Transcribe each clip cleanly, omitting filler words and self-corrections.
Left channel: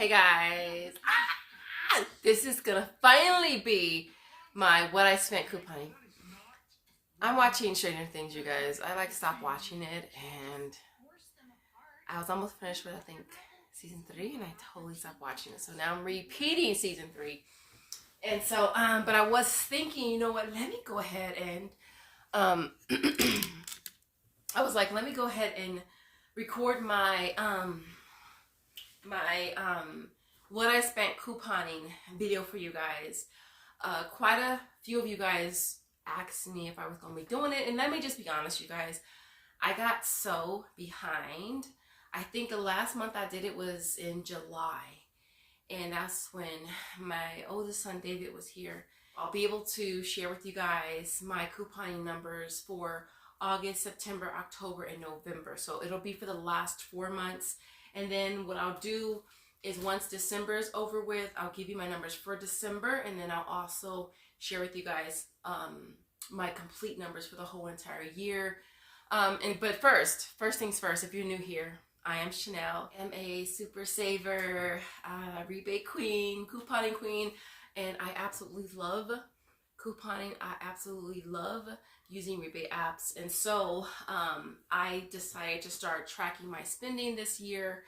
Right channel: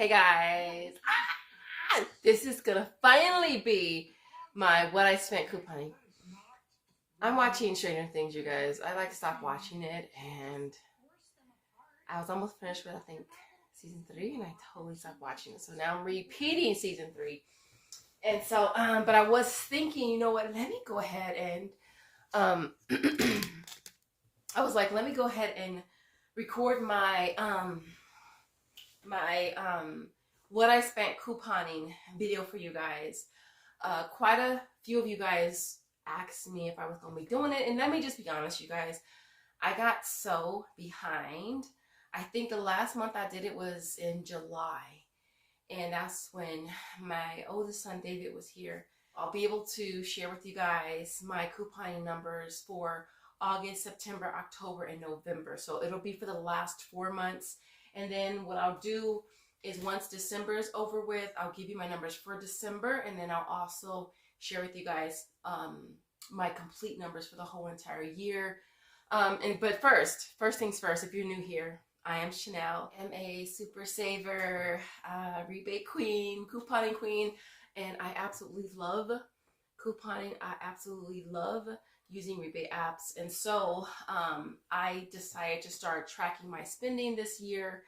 Hey guys, this is gonna finally be my what I spent couponing. I'm watching Stranger Things, you guys. I stopped watching it, and I was almost finished with I think season 3, and I totally stopped watching it. So now I'm repeating season 3, and so but I was thinking, you know what? Let me go ahead and I was like, let me go ahead and record my what I spent couponing video for you guys. Quite a few of you guys asked me if I was going to be doing it, and let me just be honest, you guys, I got so behind. I think the last month I did it was in July, and that's when my oldest son David was here. I'll be able to share with you guys my couponing numbers for August, September, October, and November. So it'll be for the last 4 months. And then what I'll do is once December is over with, I'll give you my numbers for December, and then I'll also share with you guys my complete numbers for the whole entire year. But first things first, if you're new here, I am Chanel. I'm a super saver, rebate queen, couponing queen, and I absolutely love couponing. I absolutely love using rebate apps, and so I decided to start tracking my spending this year,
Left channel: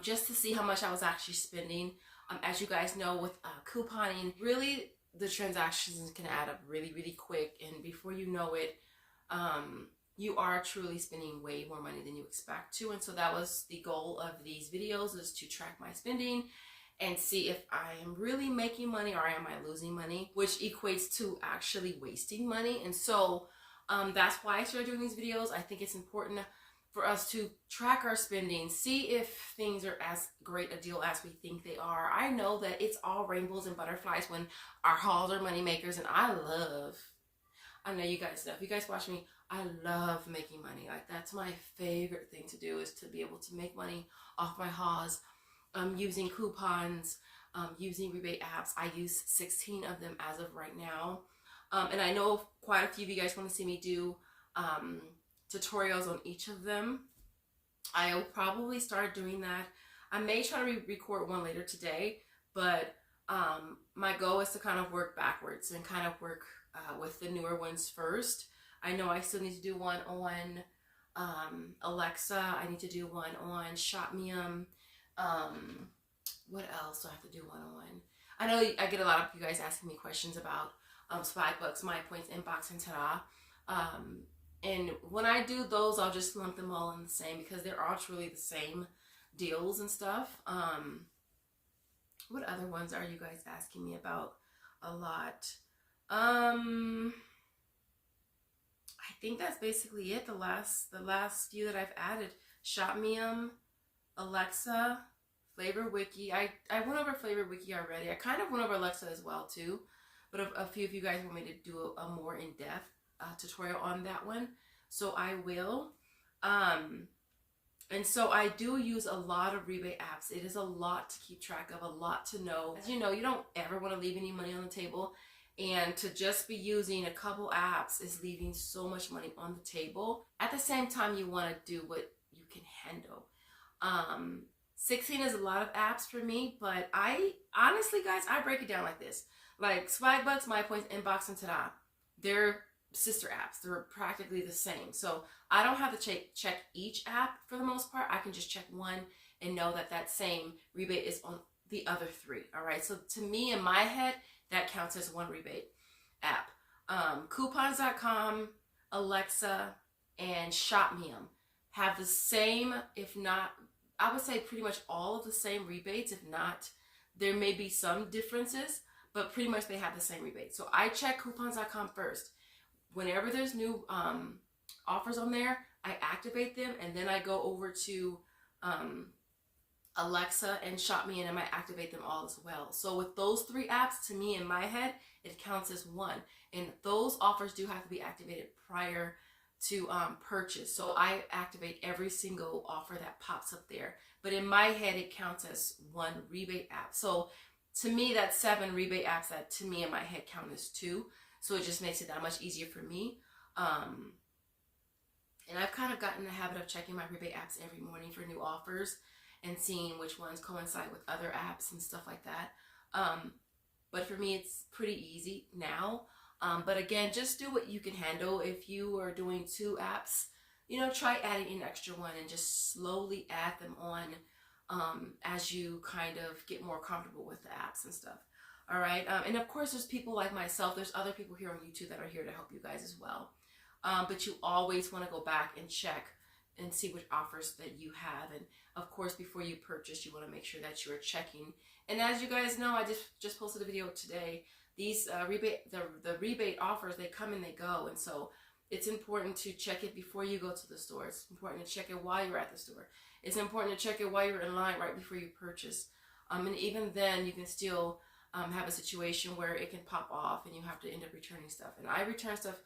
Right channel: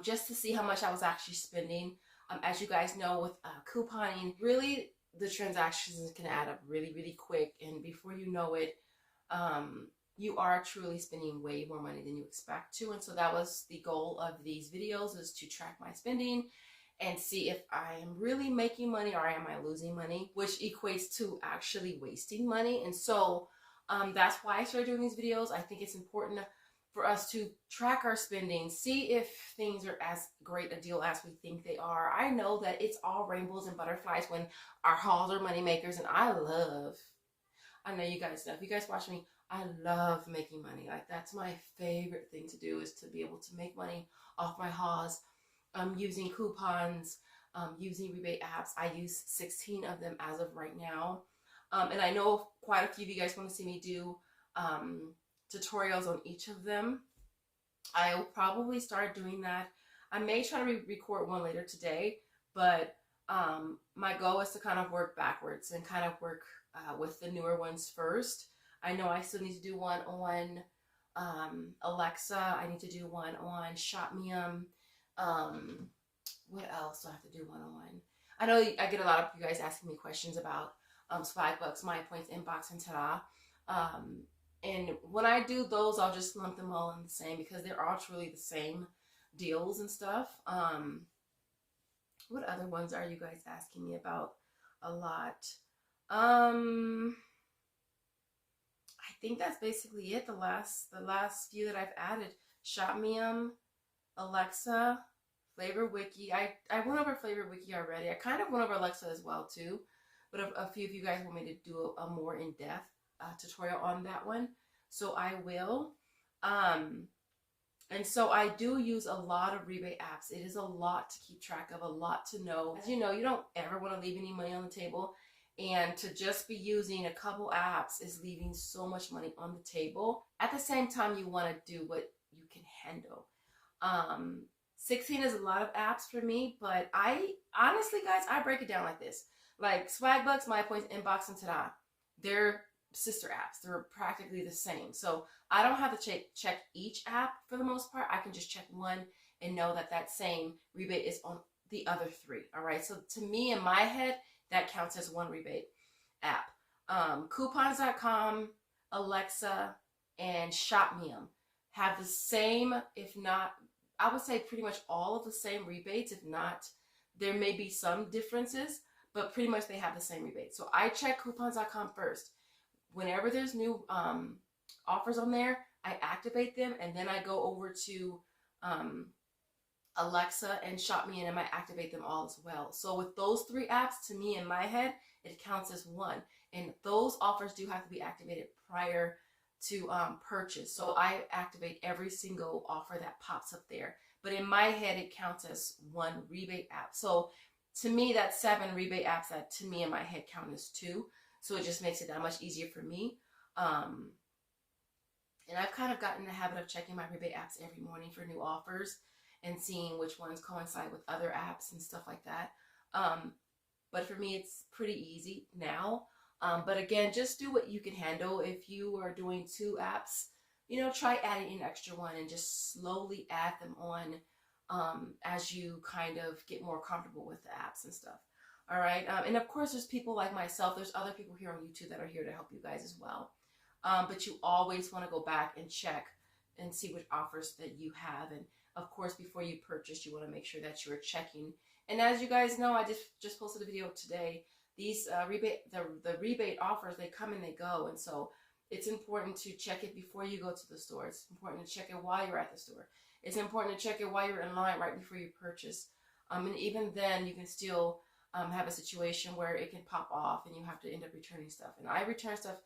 just to see how much I was actually spending. As you guys know, with couponing, really the transactions can add up really quick, and before you know it, you are truly spending way more money than you expect to. And so that was the goal of these videos, is to track my spending and see if I am really making money or am I losing money, which equates to actually wasting money. And so that's why I started doing these videos. I think it's important for us to track our spending, see if things are as great a deal as we think they are. I know that it's all rainbows and butterflies when our hauls are money makers, and I know you guys know, if you guys watch me, I love making money. Like, that's my favorite thing to do, is to be able to make money off my hauls, using coupons, using rebate apps. I use 16 of them as of right now. And I know quite a few of you guys want to see me do tutorials on each of them. I'll probably start doing that. I may try to record one later today, but my goal is to kind of work backwards and kind of work with the newer ones first. I know I still need to do one on Alexa. I need to do one on Shopmium. What else do I have to do one on? I know I get a lot of you guys asking me questions about Swagbucks, My Points, Inbox, and Ta-da. And when I do those, I'll just lump them all in the same, because they're all truly the same deals and stuff. What other ones are you guys asking me about a lot? I think that's basically it. The last few that I've added: Shopmium, Alexa, Flavor Wiki. I went over Flavor Wiki already. I kind of went over Alexa as well too, but a few of you guys want me to do a more in-depth tutorial on that one, so I will. And so I do use a lot of rebate apps. It is a lot to keep track of, a lot to know. As you know, you don't ever want to leave any money on the table, and to just be using a couple apps is leaving so much money on the table. At the same time, you want to do what you can handle. 16 is a lot of apps for me, but I honestly, guys, I break it down like this. Like Swagbucks, My Points, Inbox, and Ta-da, they're sister apps. They're practically the same. So I don't have to check each app for the most part. I can just check one and know that that same rebate is on the other 3. All right. So to me, in my head, that counts as one rebate app. Coupons.com, Alexa, and Shopmium have the same, if not, I would say pretty much all of the same rebates. If not, there may be some differences, but pretty much they have the same rebate. So I check coupons.com first. Whenever there's new offers on there, I activate them, and then I go over to Alexa and Shopmium, and I activate them all as well. So with those 3 apps, to me, in my head, it counts as one. And those offers do have to be activated prior to purchase. So I activate every single offer that pops up there. But in my head, it counts as one rebate app. So to me, that's 7 rebate apps that, to me, in my head, count as 2. So it just makes it that much easier for me. And I've kind of gotten in the habit of checking my rebate apps every morning for new offers. and seeing which ones coincide with other apps and stuff like that. But for me, it's pretty easy now. But again, just do what you can handle. If you are doing 2 apps, you know, try adding an extra one and just slowly add them on as you kind of get more comfortable with the apps and stuff. All right. And of course, there's people like myself. There's other people here on YouTube that are here to help you guys as well. But you always want to go back and check and see which offers that you have. And of course, before you purchase, you want to make sure that you're checking. And as you guys know, I just posted a video today. These the rebate offers, they come and they go. And so it's important to check it before you go to the store. It's important to check it while you're at the store. It's important to check it while you're in line right before you purchase. And even then, you can still have a situation where it can pop off and you have to end up returning stuff. And I return stuff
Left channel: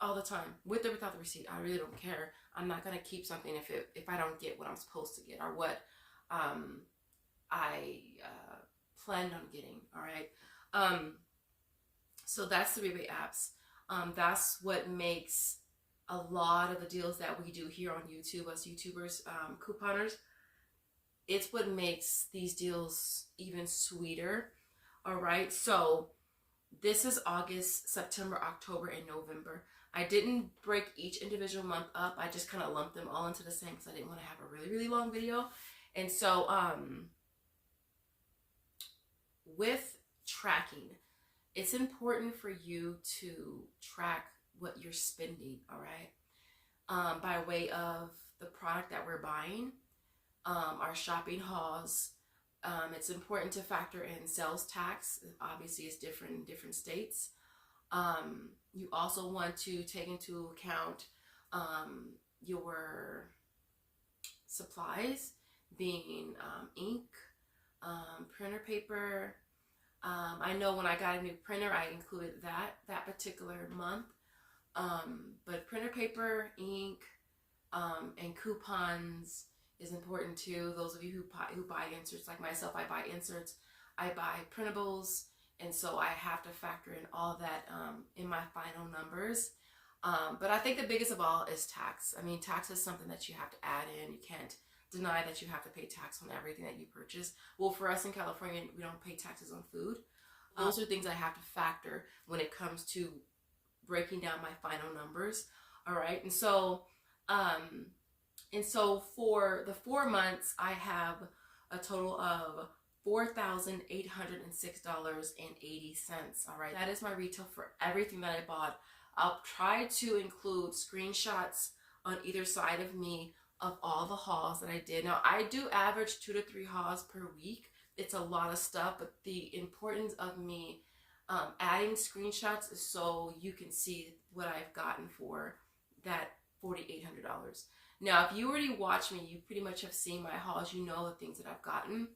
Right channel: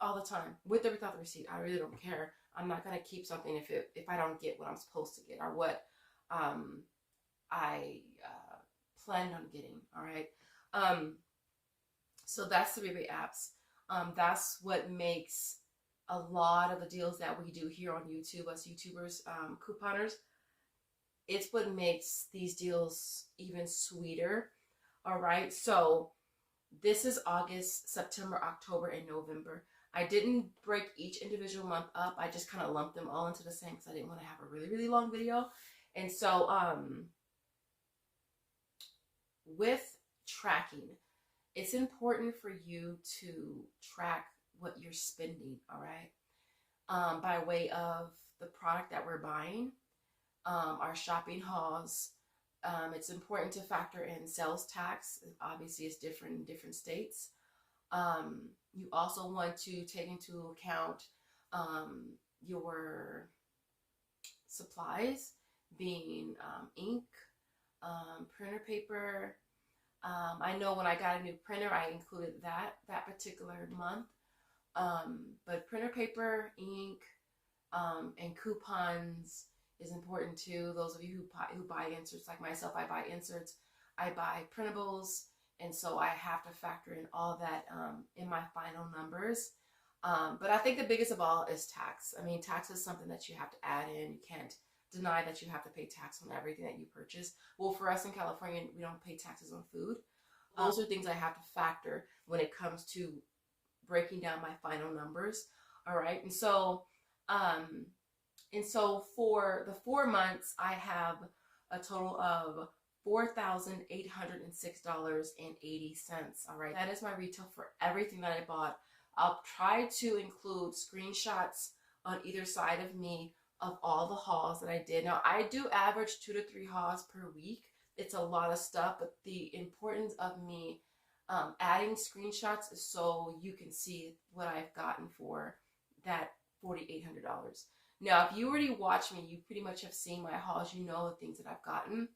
all the time, with or without the receipt. I really don't care. I'm not gonna keep something if I don't get what I'm supposed to get or what I planned on getting. All right. So that's the rebate apps. That's what makes a lot of the deals that we do here on YouTube, us YouTubers, couponers. It's what makes these deals even sweeter. All right. So this is August, September, October, and November. I didn't break each individual month up. I just kind of lumped them all into the same because I didn't want to have a really, really long video. And so with tracking, it's important for you to track what you're spending, all right? By way of the product that we're buying, our shopping hauls. It's important to factor in sales tax. Obviously, it's different in different states. You also want to take into account your supplies, being ink, printer paper. I know when I got a new printer, I included that particular month. But printer paper, ink, and coupons is important too. Those of you who buy inserts like myself, I buy inserts, I buy printables, and so I have to factor in all that in my final numbers. But I think the biggest of all is tax. I mean, tax is something that you have to add in. You can't deny that you have to pay tax on everything that you purchase. Well, for us in California, we don't pay taxes on food. Those are things I have to factor when it comes to breaking down my final numbers. All right. And so for the 4 months, I have a total of $4,806.80. All right. That is my retail for everything that I bought. I'll try to include screenshots on either side of me of all the hauls that I did. Now, I do average 2 to 3 hauls per week. It's a lot of stuff, but the importance of me adding screenshots is so you can see what I've gotten for that $4,800. Now, if you already watch me, you pretty much have seen my hauls. You know the things that I've gotten.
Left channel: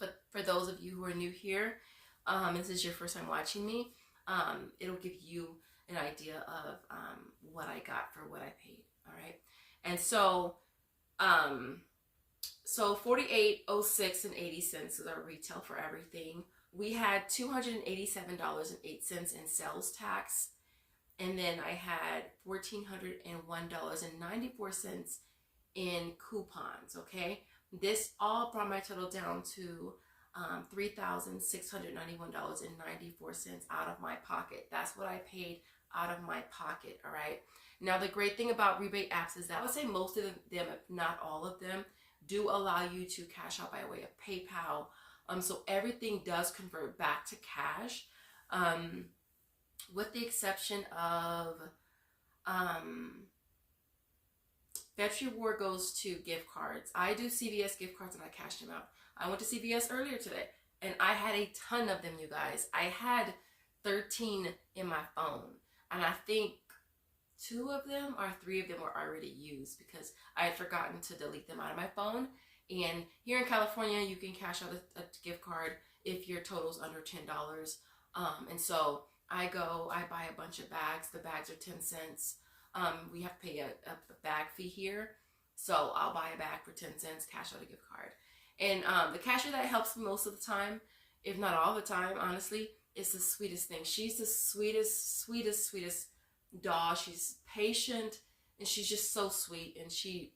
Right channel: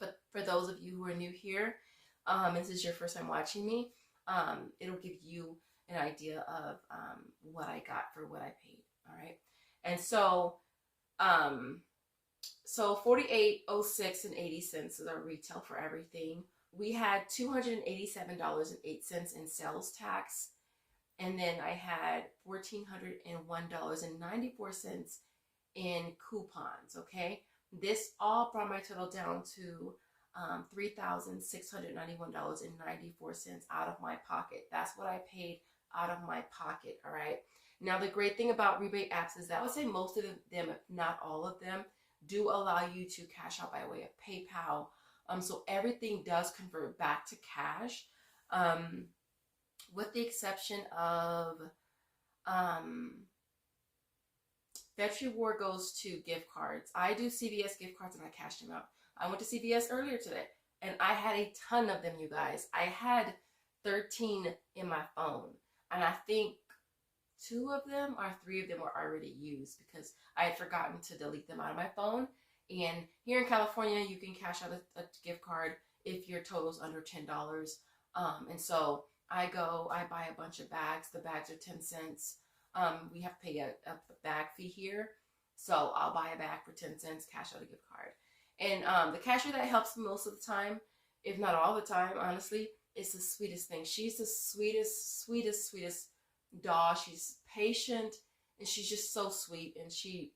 But for those of you who are new here, and this is your first time watching me, it'll give you an idea of what I got for what I paid. All right. And so, so $48.06 is our retail for everything. We had $287.08 in sales tax. And then I had $1,401.94 in coupons, okay? This all brought my total down to $3,691.94 out of my pocket. That's what I paid out of my pocket, all right? Now, the great thing about rebate apps is that I would say most of them, if not all of them, do allow you to cash out by way of PayPal. So everything does convert back to cash, with the exception of Fetch Reward goes to gift cards. I do CVS gift cards and I cash them out. I went to CVS earlier today and I had a ton of them, you guys. I had 13 in my phone, and I think 2 of them or 3 of them were already used because I had forgotten to delete them out of my phone. And here in California, you can cash out a gift card if your total's under $10. And so I buy a bunch of bags. The bags are 10 cents. We have to pay a bag fee here. So I'll buy a bag for 10 cents, cash out a gift card. And the cashier that helps me most of the time, if not all the time, honestly, is the sweetest thing. She's the sweetest doll. She's patient and she's just so sweet. And she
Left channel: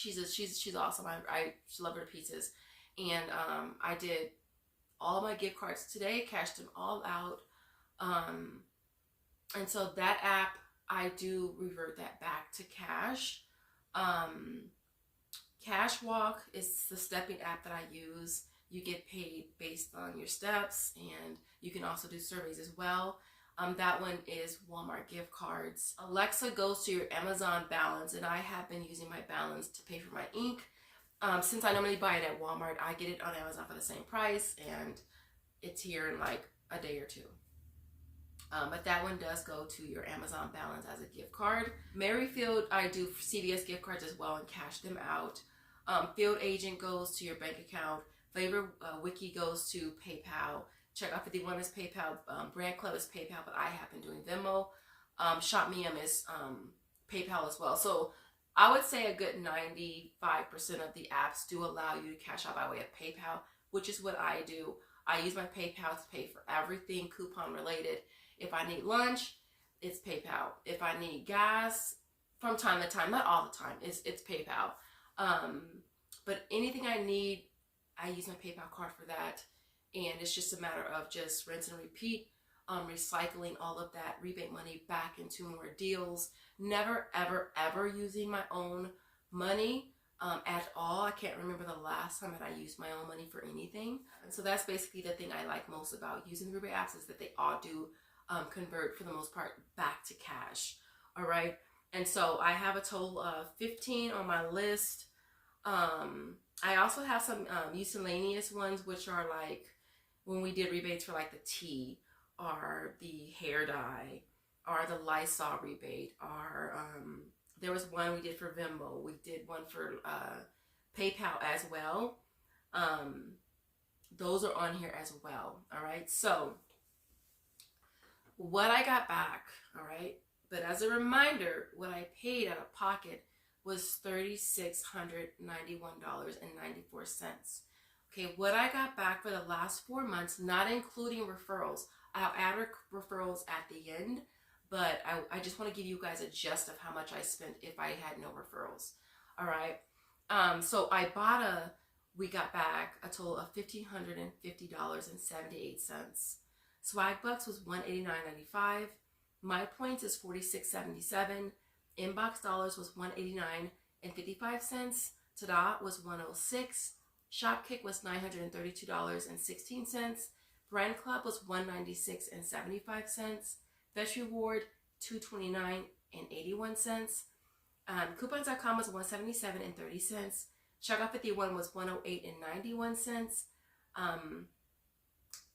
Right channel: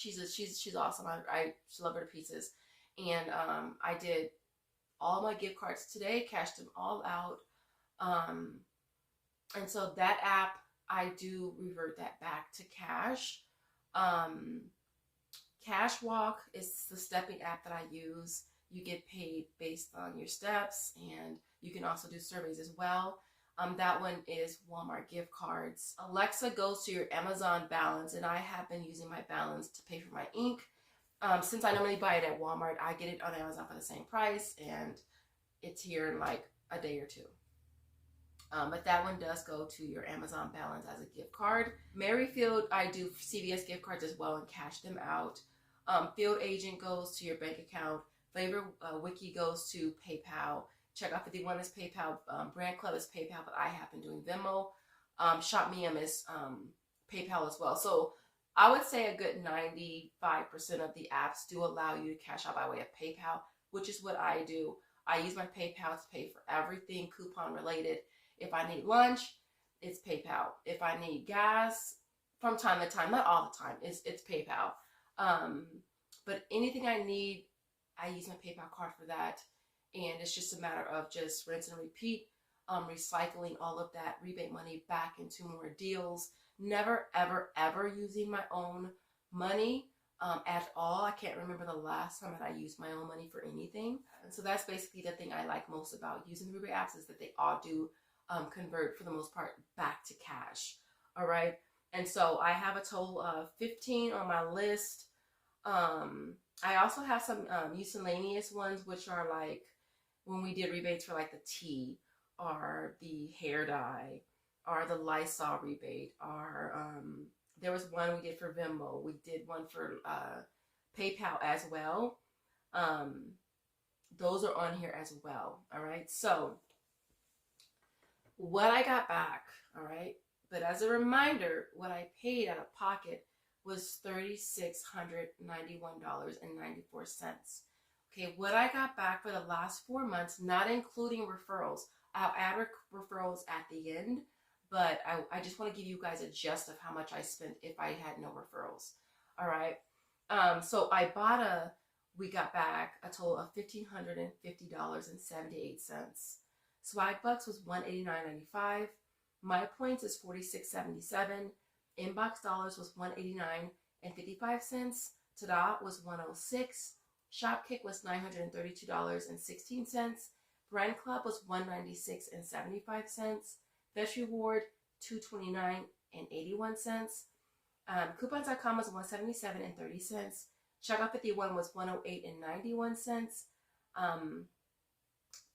She's awesome. I love her to pieces. And I did all my gift cards today, cashed them all out. And so that app, I do revert that back to cash. Cashwalk is the stepping app that I use. You get paid based on your steps, and you can also do surveys as well. That one is Walmart gift cards. Alexa goes to your Amazon balance, and I have been using my balance to pay for my ink. Since I normally buy it at Walmart, I get it on Amazon for the same price, and it's here in like a day or two. But that one does go to your Amazon balance as a gift card. Merryfield, I do CVS gift cards as well and cash them out. Field Agent goes to your bank account. Flavor Wiki goes to PayPal. Checkout 51 is PayPal. Brand Club is PayPal, but I have been doing Venmo. ShopMium is PayPal as well. So I would say a good 95% of the apps do allow you to cash out by way of PayPal, which is what I do. I use my PayPal to pay for everything coupon related. If I need lunch, it's PayPal. If I need gas, from time to time, not all the time, it's PayPal. But anything I need, I use my PayPal card for that. And it's just a matter of just rinse and repeat, recycling all of that rebate money back into more deals. Never, ever, ever using my own money at all. I can't remember the last time that I used my own money for anything. And so that's basically the thing I like most about using the rebate apps, is that they all do convert for the most part back to cash. All right. And so I have a total of 15 on my list. I also have some miscellaneous ones, which are like when we did rebates for like the tea or the hair dye or the Lysol rebate, or there was one we did for Venmo. We did one for PayPal as well. Those are on here as well. All right. So what I got back, all right, but as a reminder, what I paid out of pocket was $3,691.94. Okay, what I got back for the last 4 months, not including referrals. I'll add referrals at the end, but I just want to give you guys a gist of how much I spent if I had no referrals. All right. So Ibotta, we got back a total of $1,550.78. Swagbucks was $189.95. My Points is $46.77. Inbox Dollars was $189.55. Tada was $106. Shopkick was $932.16. Brand Club was $196.75. Best Reward $229.81. Coupons.com was $177.30. Checkout 51 was $108.91.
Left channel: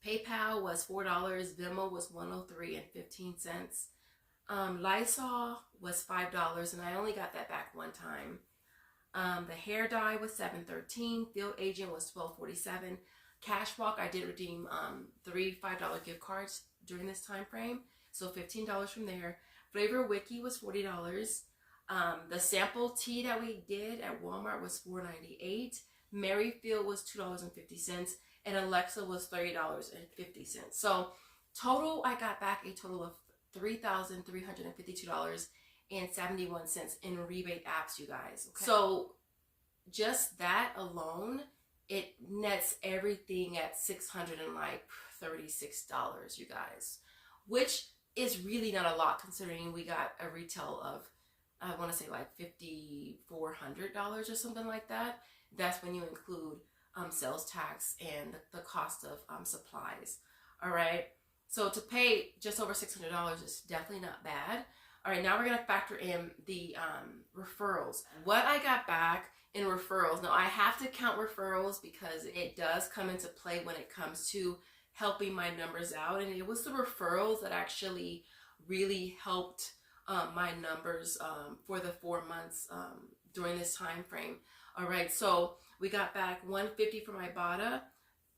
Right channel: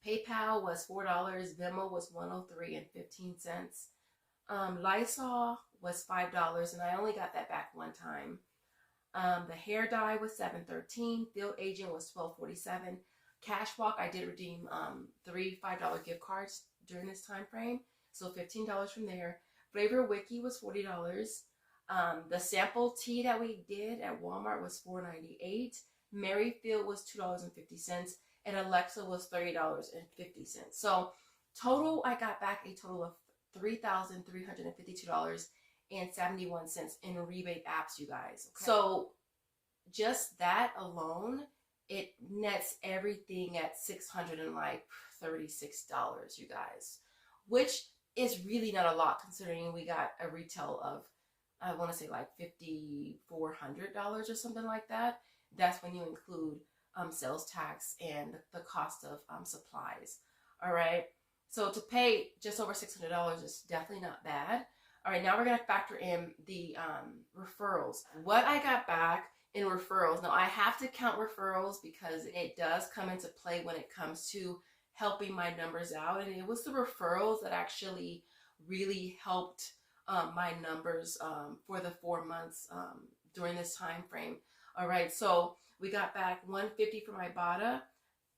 PayPal was $4. Venmo was $103.15. Lysol was $5, and I only got that back one time. The hair dye was $7.13. Field Agent was $12.47. Cashwalk, I did redeem 3 $5 gift cards during this time frame, so $15 from there. Flavor Wiki was $40. The sample tea that we did at Walmart was $4.98. Merryfield was $2.50, and Alexa was $30.50. So total, I got back a total of $3,352.71 in rebate apps, you guys. Okay? So just that alone, it nets everything at $636, you guys, which is really not a lot considering we got a retail of, I want to say like $5,400 or something like that. That's when you include sales tax and the cost of supplies. All right. So to pay just over $600 is definitely not bad. All right, now we're going to factor in the referrals. What I got back in referrals, now I have to count referrals because it does come into play when it comes to helping my numbers out. And it was the referrals that actually really helped my numbers for the 4 months during this time frame. All right, so we got back $150 from Ibotta,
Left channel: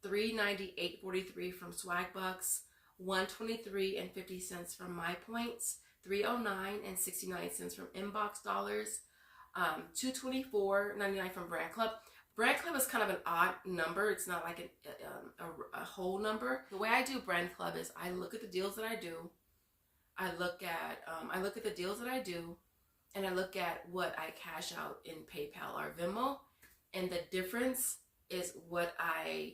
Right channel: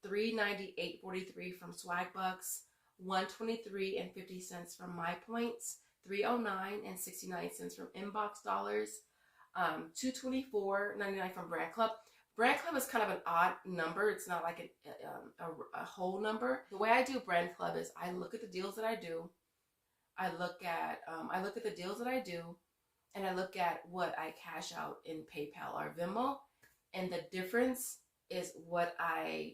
$398.43 from Swagbucks, $123.50 from My Points, $309.69 from Inbox Dollars, $224.99 from Brand Club. Brand Club is kind of an odd number. It's not like a whole number. The way I do Brand Club is I look at the deals that I do. I look at the deals that I do, and I look at what I cash out in PayPal or Venmo, and the difference is what I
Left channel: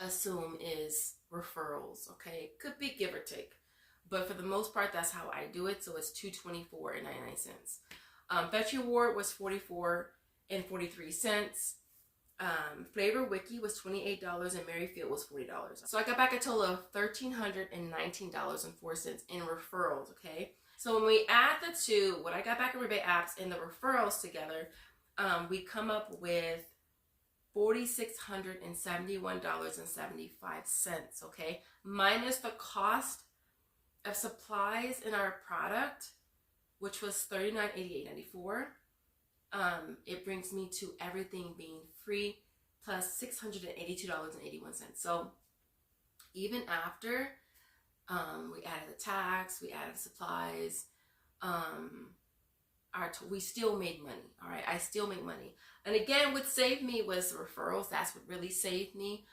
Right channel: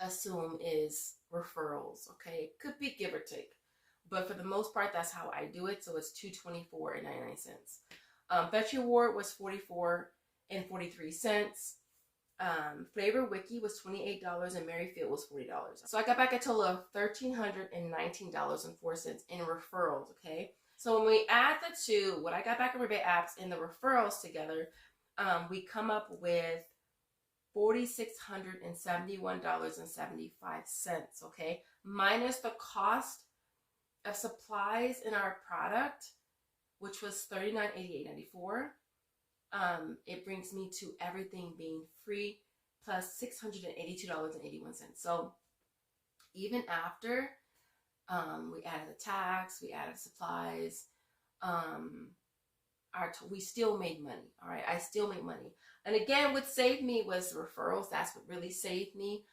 assume is referrals. Okay, it could be give or take, but for the most part, that's how I do it. So it's $224.99. Fetch Reward was $44.43. Flavor Wiki was $28 and Merryfield was $40. So I got back a total of $1,319.04 in referrals. Okay, so when we add the two, what I got back in Rebate apps and the referrals together, we come up with $4,671.75. Okay, minus the cost of supplies in our product, which was $39.88.94. It brings me to everything being free plus $682.81. So even after we added the tax, we added supplies, we still made money. All right, I still made money. And again, what saved me was referrals. That's what really saved me.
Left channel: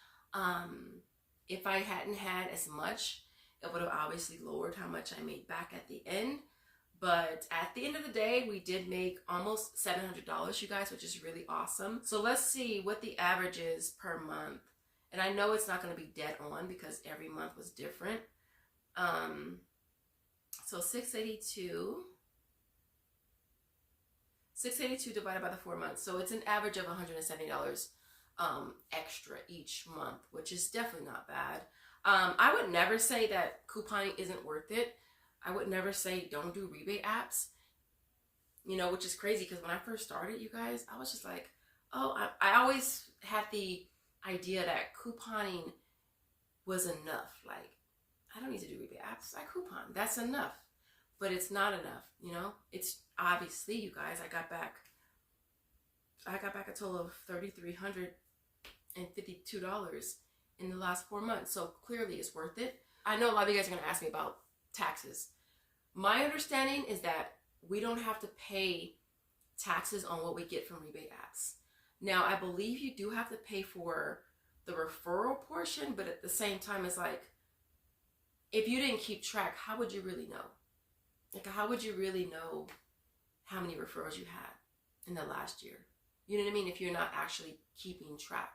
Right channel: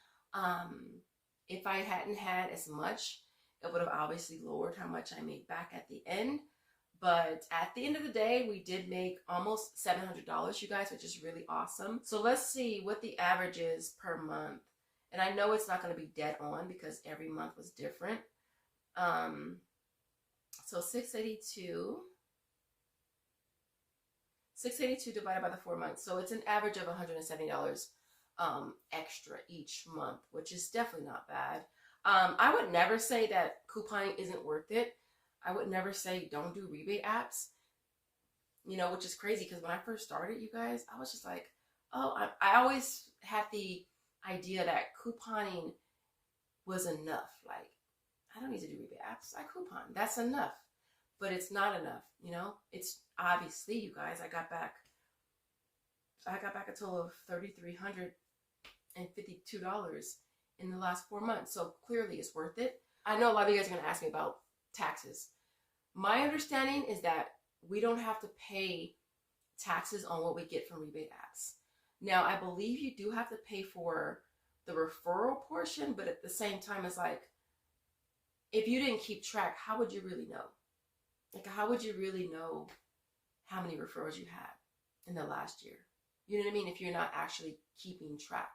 If I hadn't had as much, it would have obviously lowered how much I made back at the end. But at the end of the day, we did make almost $700, you guys, which is really awesome. So let's see what the average is per month. And I know it's not going to be dead on because every month was different. So 682 divided by the 4 months. So it's an average of $170 extra each month, which is definitely not bad. I would never say that couponing isn't worth it. I would never say don't do rebate apps, you know, which is crazy because when I first started, you guys, I was just like, oh, I always had the idea that couponing was enough. Like, I don't need to do rebate apps. I coupon. That's enough. But it's not enough, you know? It's obviously, you guys, I got back a total of $3,352 in the last 4 months. So clearly it's worth it. I know a lot of you guys are going to ask me about taxes. My understanding is that we don't have to pay taxes on what we get from rebate apps. Now, I believe you do have to pay for the referral portion, but at the same time, it's like, if you didn't keep track, how would you really know? Like, how would you really know how many referrals you had in the last year? You know what I mean? If you're not actually keeping track.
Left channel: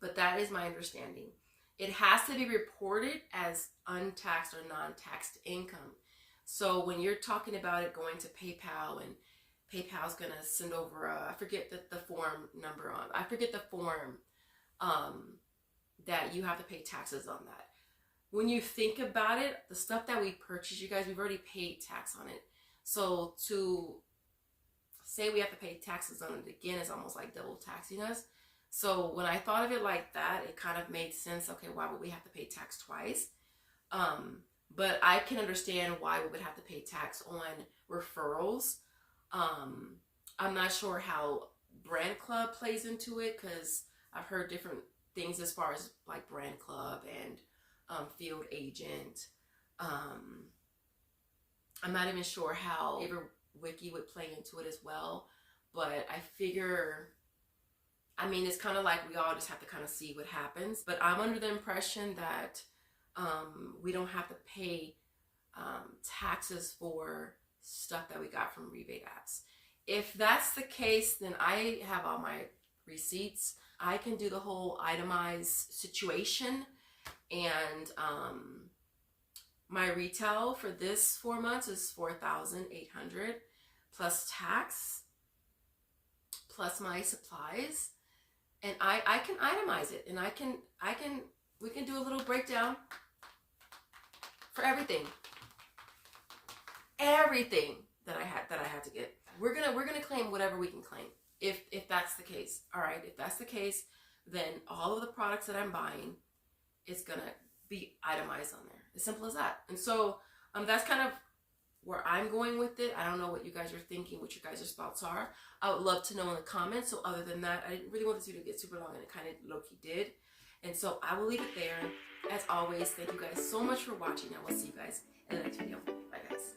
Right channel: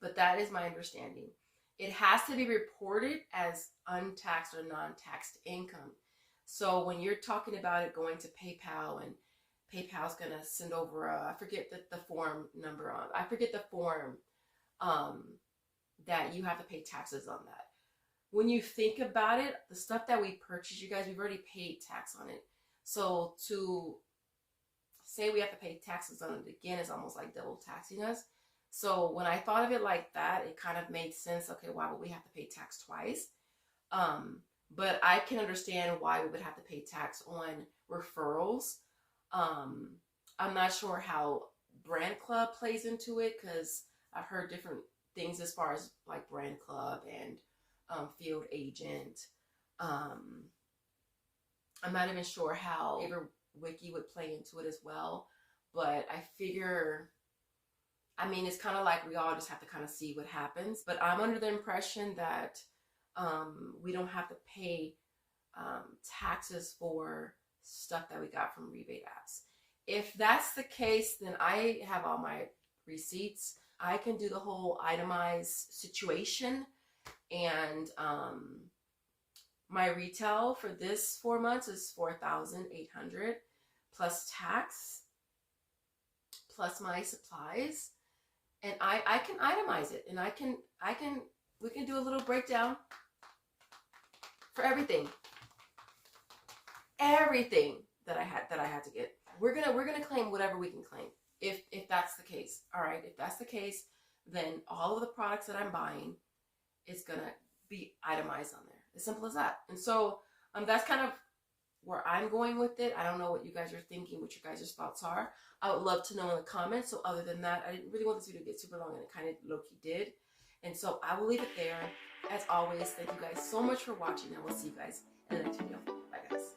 But that is my understanding. It has to be reported as untaxed or non-taxed income. So when you're talking about it going to PayPal and PayPal's going to send over I forget the form number on. I forget the form that you have to pay taxes on that. When you think about it, the stuff that we purchase, you guys, we've already paid tax on it. So to say we have to pay taxes on it again is almost like double taxing us. So when I thought of it like that, it kind of made sense. Okay, why would we have to pay tax twice? But I can understand why we would have to pay tax on referrals. I'm not sure how Brand Club plays into it because I've heard different things as far as like Brand Club and field agent. I'm not even sure how Wiki would play into it as well, but I figure, I mean, it's kind of like we all just have to kind of see what happens. But I'm under the impression that we don't have to pay taxes for stuff that we got from rebate apps. If that's the case, then I have all my receipts. I can do the whole itemized situation. And my retail for this 4 months is $4,800 plus tax, plus my supplies. And I can itemize it, and we can do a little breakdown for everything that I had to get. We're gonna claim whatever we can claim if that's the case. All right, if that's the case, then all of the products that I'm buying, it's gonna be itemized on there. As simple as that. And so that's kind of where I'm going with it. I don't know what you guys are thinking, what your guys' thoughts are. I would love to know in the comments. So other than that, I didn't really want this video to get super long, and it kind of low-key did. And so I will leave it there. As always, thank you guys so much for watching, and we'll see you guys in the next video. Bye, guys.